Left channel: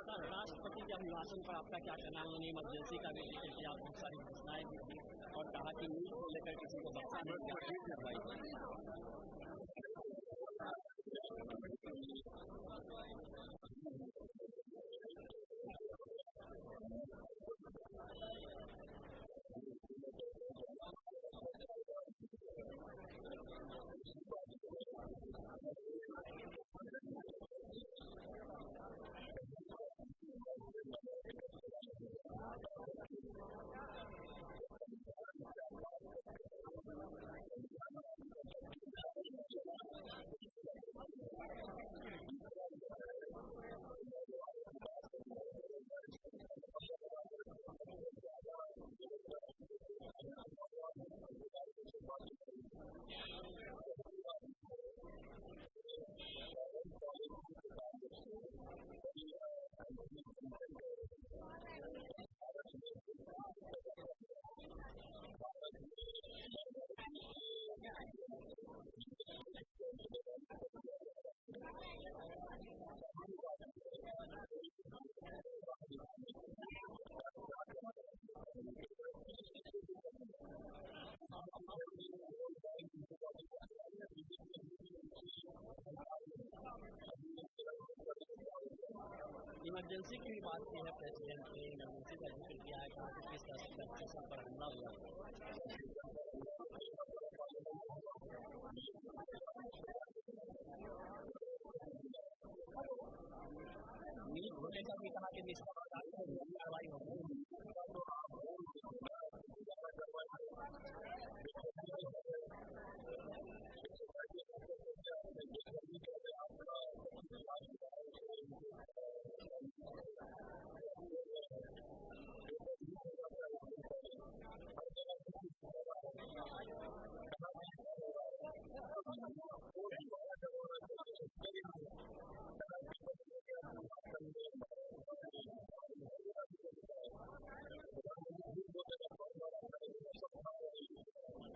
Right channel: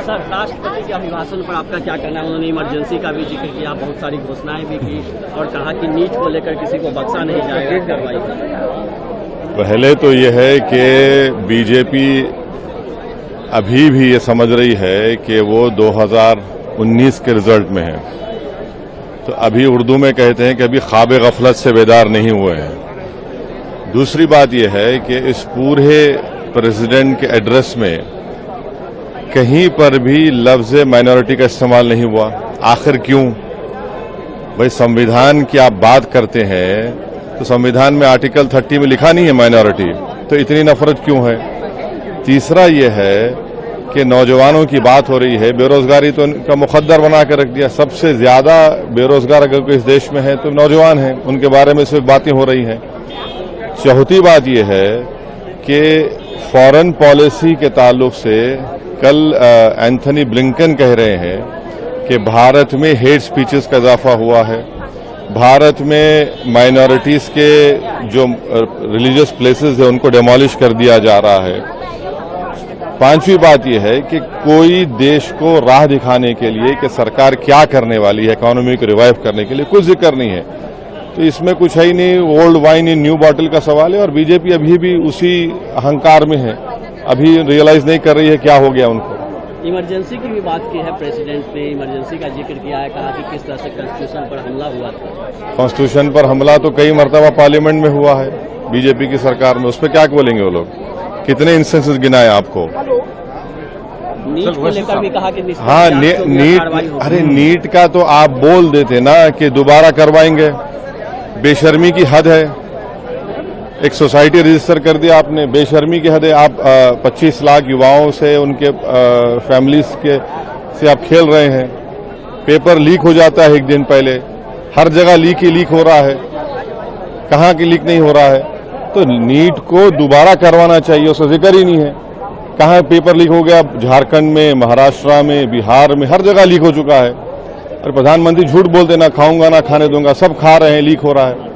Sir, राष्ट्रपति के अभिभाषण पर आपका क्या कहना है? उन्होंने इमरजेंसी का भी जिक्र किया, बहुत सारी घोषणाएं भी की और कहा कि नीट को लेकर किसी को बख्शा नहीं जाएगा कार्रवाई। पहले तो यह है कि बीजेपी अभी भी ये समझ रही है कि वो 2019 के रिजल्ट में है। तो अभी उर्दू में कहते हैं कि अभी ख्वाब गफलत से बेदार नहीं हुए हैं। दूसरी बात यह है कि इस पूरे प्रेसिडेंट के एड्रेस में कहीं पर भी लफ्ज माइनॉरिटी का इस्तेमाल नहीं हुआ। आखिर क्यों? भाई, संविधान की आप बात करते हैं तो संविधान में आर्टिकल 30 में लिखा नहीं है माइनॉरिटी, तो इतनी नफरत क्यों है? तीसरा यह है कि नौजवानों की बात हो रही है, बेरोजगारी तो उनका मुकद्दर बना कर रख दिया। सबसे ज्यादा बेरोजगार अगर कोई इस देश में है तो नौजवान हैं, उनके बारे में सिर्फ बातें हो रही हैं। चौथी बात यह है कि फॉरेन पॉलिसी के ताल्लुक से कल एंथनी ब्लिंकन कह रहे हैं कि भारत में हेट स्पीचेस का इजाफा हुआ है, भारत में माइनॉरिटीज के जो रिलीजियस प्लेसेस है उनको डेमोलिश कर दिया जा रहा है। पांचवी बात यह है कि कोई देश को राह दिखाने के लिए कि सरकार क्या करने वाली है इकोनॉमी को रिवाइव करने के लिए, कुछ जिक्र नहीं है। तो इसमें कुछ है ही नहीं, old wine in new bottle का सवाल है और बीजेपी अभी भी उसी अहंकार में है, अभी रियलाइज नहीं कर रही है क्या हो गया उनको। इमरजेंसी की भी बात की है, प्रेसिडेंट ने इमरजेंसी का जिक्र किया है, कहा कि किस तरह से कॉन्स्टिट्यूशन पर हमला हुआ था। कॉन्स्टिट्यूशन पर हमला तो कई मरतबा पार्लियामेंट में हुआ है बीजेपी की सरकार में, उस पर क्या बोलेंगे वो लोग? कितने इंस्टेंसेस गिनाए आपको? नीट को लेकर भी कहा कि हाँ, नीट, अरे नीट का तो आप बोल देते ना कि दोबारा करवाएंगे। बेशर्मी की हद है। एक सोसाइटी रजिस्टर कर दिया आपने, बेशर्मी की हद है। आप 25 लाख युवाओं से, उनके फैमिलीज के से आप खेल रहे हैं। पेपर लीक हो जाता है एक दिन पहले, हर जगह लीक ही लीक हो रहा है, कहाँ की लीक नहीं हो रहा है? तो नीट को दोबारा करवाना चाहिए, उसका जिक्र ही नहीं है। कहाँ पेपर लीक हो गया? झारखंड में, महाराष्ट्र में, बिहार में, हर जगह लीक हो चुका है। और प्रधानमंत्री झूठ बोलते, ना खाऊंगा ना खाने दूंगा, सब खा रहे हैं, लीक हो रहा है।